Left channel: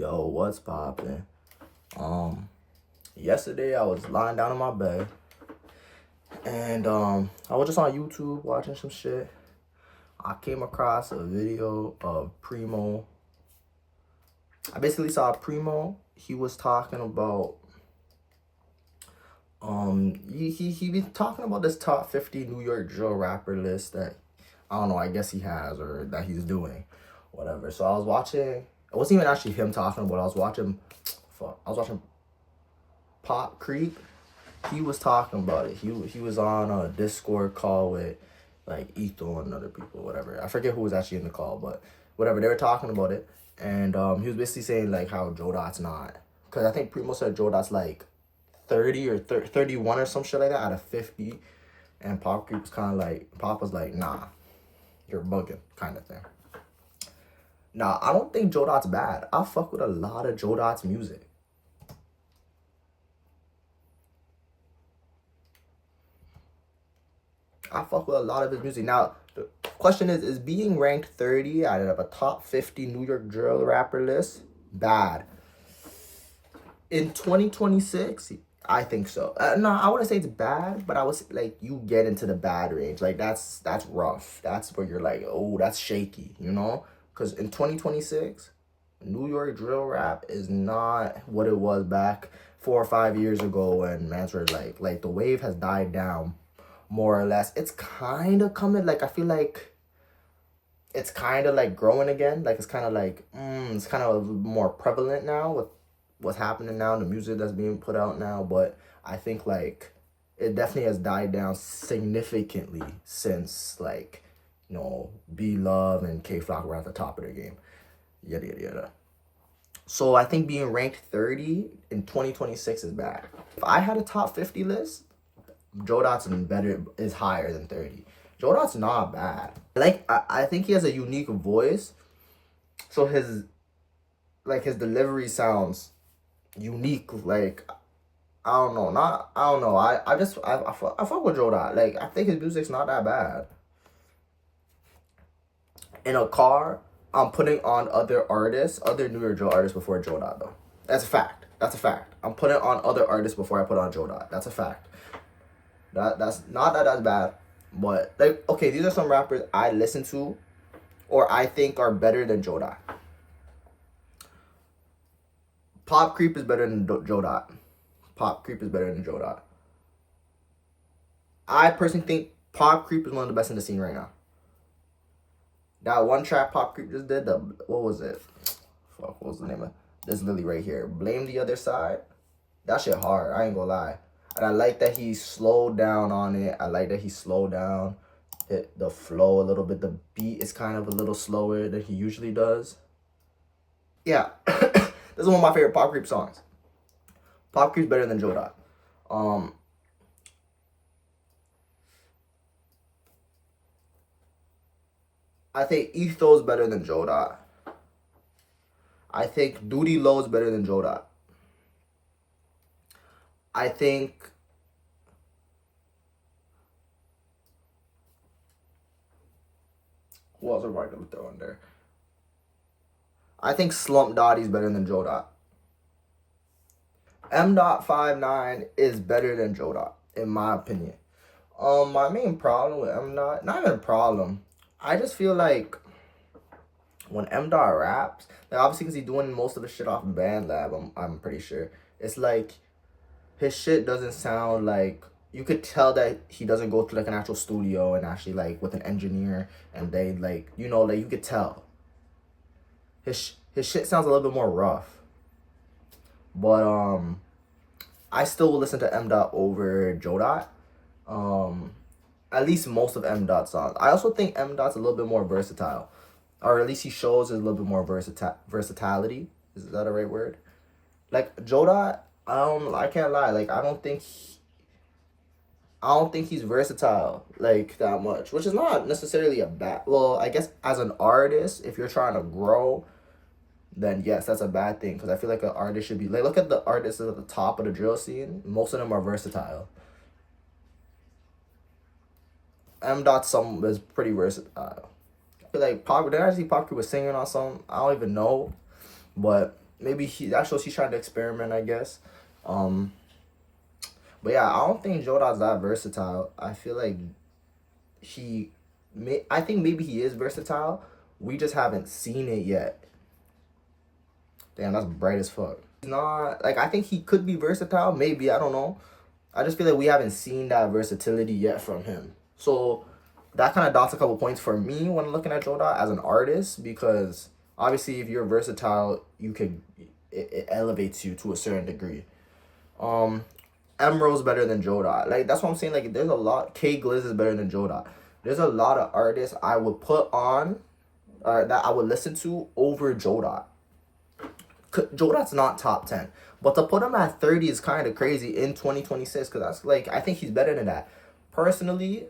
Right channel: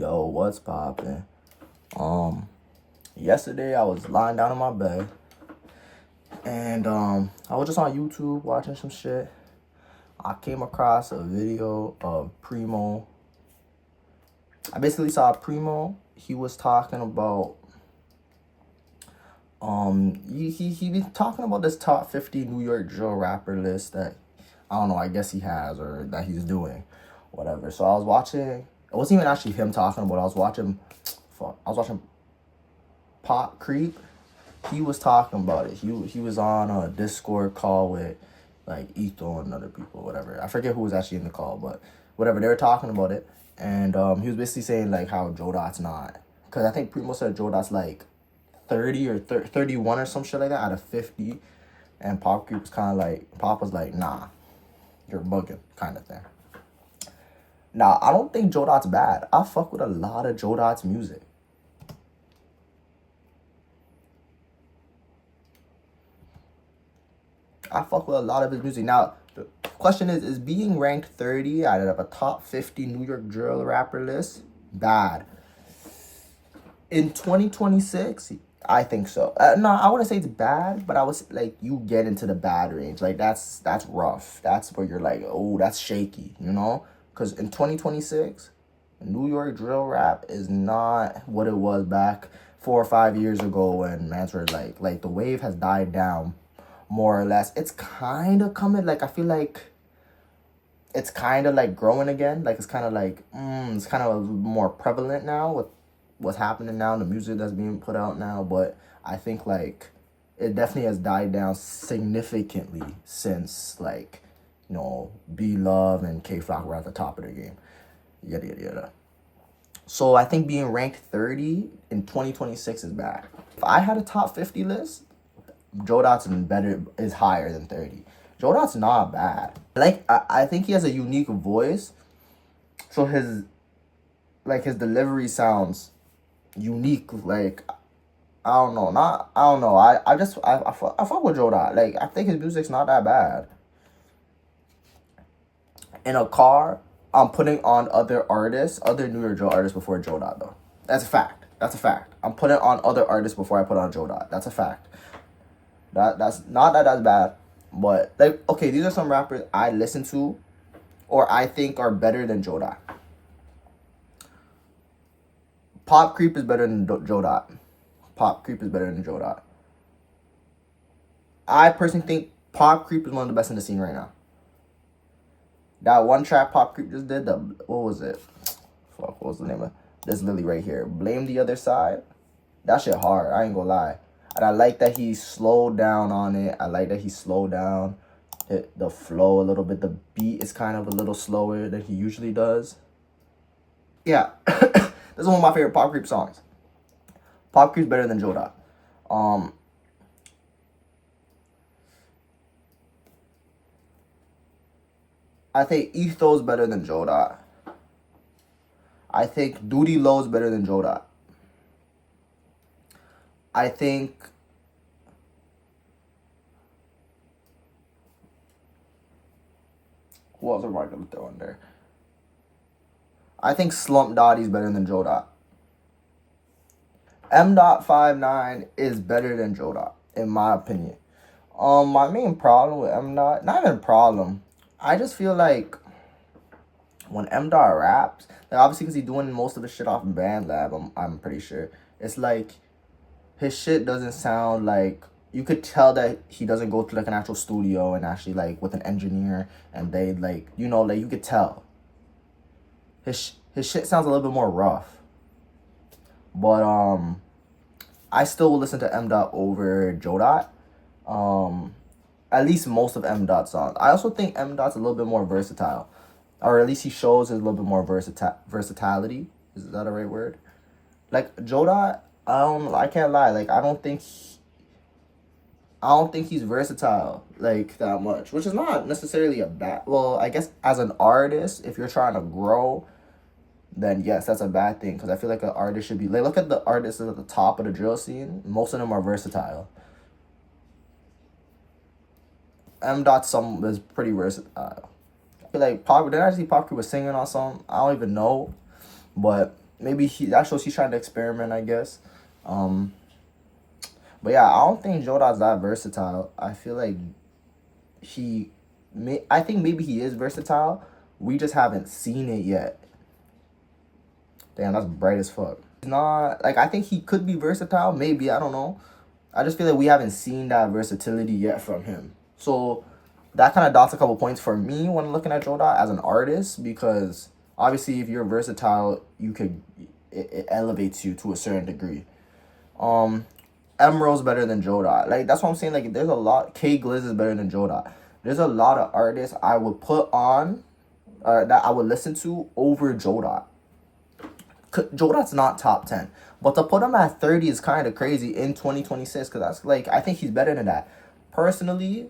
Yo, what's poppin'? Yesterday I was lying down in my bed and I was just on YouTube watching some shit. I came across a video of Primo. I basically saw Primo. He was talking about he been talking about this top 50 New York drill rapper list that I don't know, I guess he has or that he's doing, whatever. So I was watching. It wasn't even actually him talking about it. I was watching Jodot Kreep. He was talking about it. He was on a Discord call with like Etho and other people, whatever. I forget who was actually in the call, but whatever. They were talking about it, and he was basically saying like how Jodot's not, because I think Primo said Jodot's like 30 or 31 or some shit like that out of 50, and Pop Creep was kind of like, Pop was like, nah, you're bugging, kind of thing. Nah, I don't think Jodot's bad. I fuck with a lot of Jodot's music. I fuck with a lot of his music. Now, the question is being ranked 30 out of a top 50 New York drill rapper list bad? In 2026, I think so. No, I wouldn't say it's bad, but I was like, you get into the bad range. Like, that's rough. That's where you're like, oh, that's shaky, you know? Because in 2026, New York drill rap is not what it was back 4 or 5 years ago when mans were like the wave has died down. More or less, it's kind of coming. Like, I feel like it's kind of like growing again. Like, it's kind of like it's kind of more prevalent now with what's happening now, the music that's being put out now. But I think like it definitely has died down significantly since like, you know, B Love and K Flock were at the top of their game. Yada yada yada. So I think being ranked 30 in 2026 is bad. If I had a top 50 list, Jodot's is higher than 30. Jodot's not bad. Like, I think he has a unique voice. So his delivery sounds unique. Like, I don't know. I fuck with Jodot. Like, I think his music's not that bad. In a car, I'm putting on other New York drill artists before Jodot though. That's a fact. I'm putting on other artists before I put on Jodot. That's a fact. That's not that that's bad, but like, okay, these are some rappers I listen to or I think are better than Jodot. Pop Creep is better than Jodot. Pop Creep is better than Jodot. I personally think Pop Creep is one of the best in the scene right now. That one track Pop Creep just did, what was it? Fuck, what was the name of this Lily right here? Blame the Other Side. That shit hard, I ain't gonna lie. And I like that he slowed down on it. I like that he slowed down the flow a little bit. The beat is kind of a little slower than he usually does. Yeah. This is one of my favorite Pop Creep songs. Pop Creep's better than Jodot. I think Etho's better than Jodot. I think Duty Low's better than Jodot. I think who else am I gonna throw in there? I think Slump Dottie's better than Jodot. M.59 is better than Jodot, in my opinion. My main problem with M.Dot, not even a problem. I just feel like when M.Dot raps, like obviously because he's doing most of the shit off BandLab, I'm pretty sure. It's like his shit doesn't sound like, you could tell that he doesn't go to like an actual studio and actually like with an engineer and they like, you know, like you could tell. His shit sounds a little bit more rough. But I still will listen to M.Dot over Jodot. At least most of M.Dot's songs. I also think M.Dot's a little bit more versatile. Or at least he shows a little bit more versatility. Is that a right word? Like Jodot, I can't lie. Like I don't think he's versatile like that much, which is not necessarily a bad. Well, I guess as an artist, if you're trying to grow, then yes, that's a bad thing. Because I feel like an artist should be like, look at the artists at the top of the drill scene. Most of them are versatile. M.Dot is pretty versatile. I feel like Pop Creep was singing on something. I don't even know, but maybe that shows he's trying to experiment, I guess. But yeah, I don't think Jodot's that versatile. I feel like I think maybe he is versatile. We just haven't seen it yet. Damn, that's bright as fuck. He's not, like, I think he could be versatile. Maybe, I don't know. I just feel like we haven't seen that versatility yet from him. So that kind of dots a couple points for me when I'm looking at Jodot as an artist, because obviously if you're versatile, it elevates you to a certain degree. Emerald's better than Jodot. Like, that's what I'm saying. Like, there's a lot. K Gliz is better than Jodot. There's a lot of artists I would put on, that I would listen to over Jodot. Jodot's not top 10. But to put him at 30 is kind of crazy in 2026, because that's, like, I think he's better than that. Personally,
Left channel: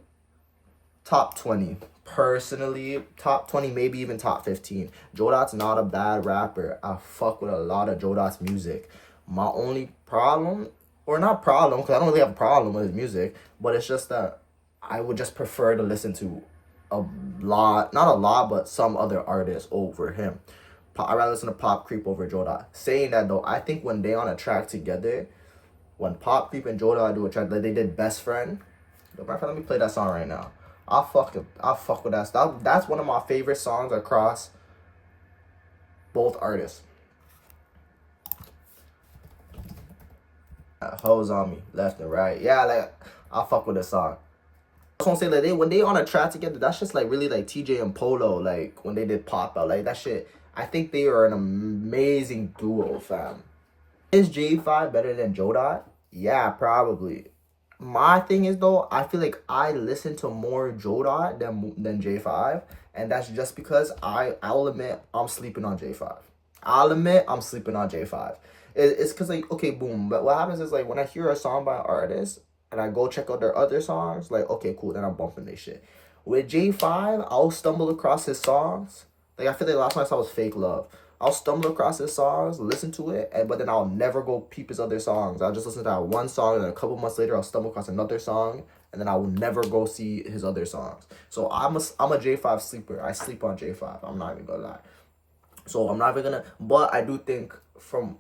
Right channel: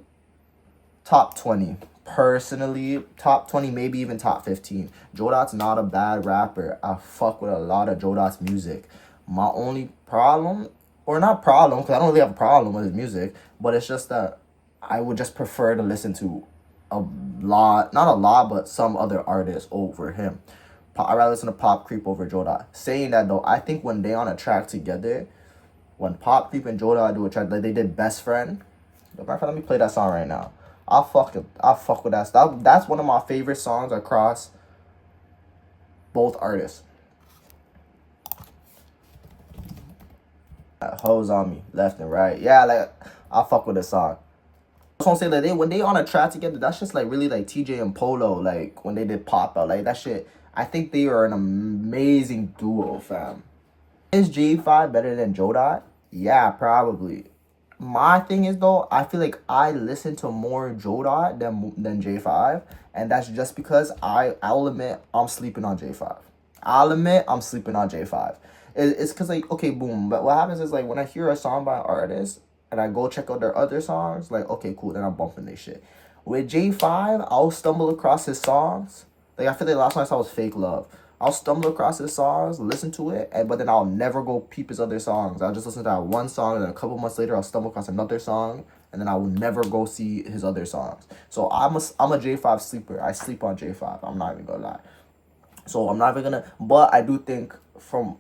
top 20. Personally, top 20, maybe even top 15. Jodot's not a bad rapper. I fuck with a lot of Jodot's music. My only problem, or not problem, because I don't really have a problem with his music, but it's just that I would just prefer to listen to a lot, not a lot, but some other artists over him. I'd rather listen to Pop Creep over Jodot. Saying that though, I think when they on a track together, when Pop Creep and Jodot do a track, like they did Best Friend. Let me play that song right now. I'll fuck with that stuff. That's one of my favorite songs across both artists. Hoes on me, left and right. Yeah, like, I'll fuck with this song. I was gonna say, like, when they on a track together, that's just like really like TJ and Polo, like when they did Pop Out, like that shit. I think they are an amazing duo, fam. Is J5 better than Jodot? Yeah, probably. My thing is though, I feel like I listen to more Jodot than J5, and that's just because I'll admit I'm sleeping on J5. I'll admit I'm sleeping on J5. It's because, like, okay, boom. But what happens is, like, when I hear a song by an artist and I go check out their other songs, like, okay, cool, then I'm bumping this shit. With J5, I'll stumble across his songs. Like, I feel like the last one I saw was Fake Love. I'll stumble across his songs, listen to it, but then I'll never go peep his other songs. I'll just listen to that one song, and then a couple months later, I'll stumble across another song, and then I will never go see his other songs. So I'm a J5 sleeper. I sleep on J5. I'm not even gonna lie. So I'm not even gonna, but I do think from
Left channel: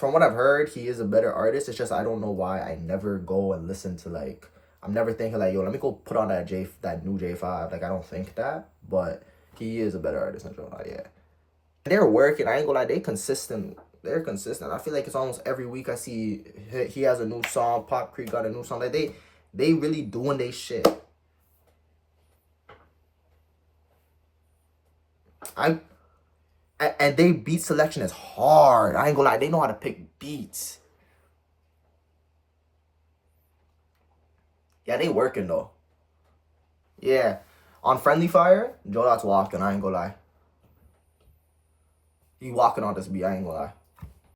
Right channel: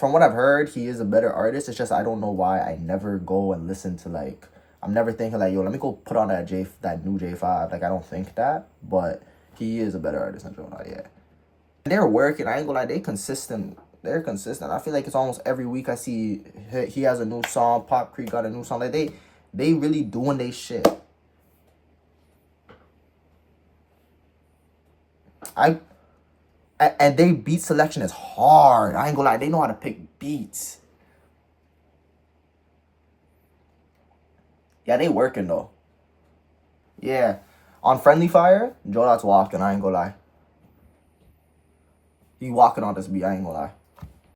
what I've heard, he is a better artist. It's just I don't know why I never go and listen to, like, I'm never thinking like, yo, let me go put on that new J5. Like, I don't think that, but he is a better artist than Jodot, yeah. They're working. I ain't gonna lie, they're consistent. I feel like it's almost every week I see he has a new song. Pop Creek got a new song. Like, they really doing their shit. And they beat selection is hard. I ain't gonna lie, they know how to pick beats. Yeah, they working though. Yeah. On Friendly Fire, Jodot's walking, I ain't gonna lie. He walking on this beat, I ain't gonna lie.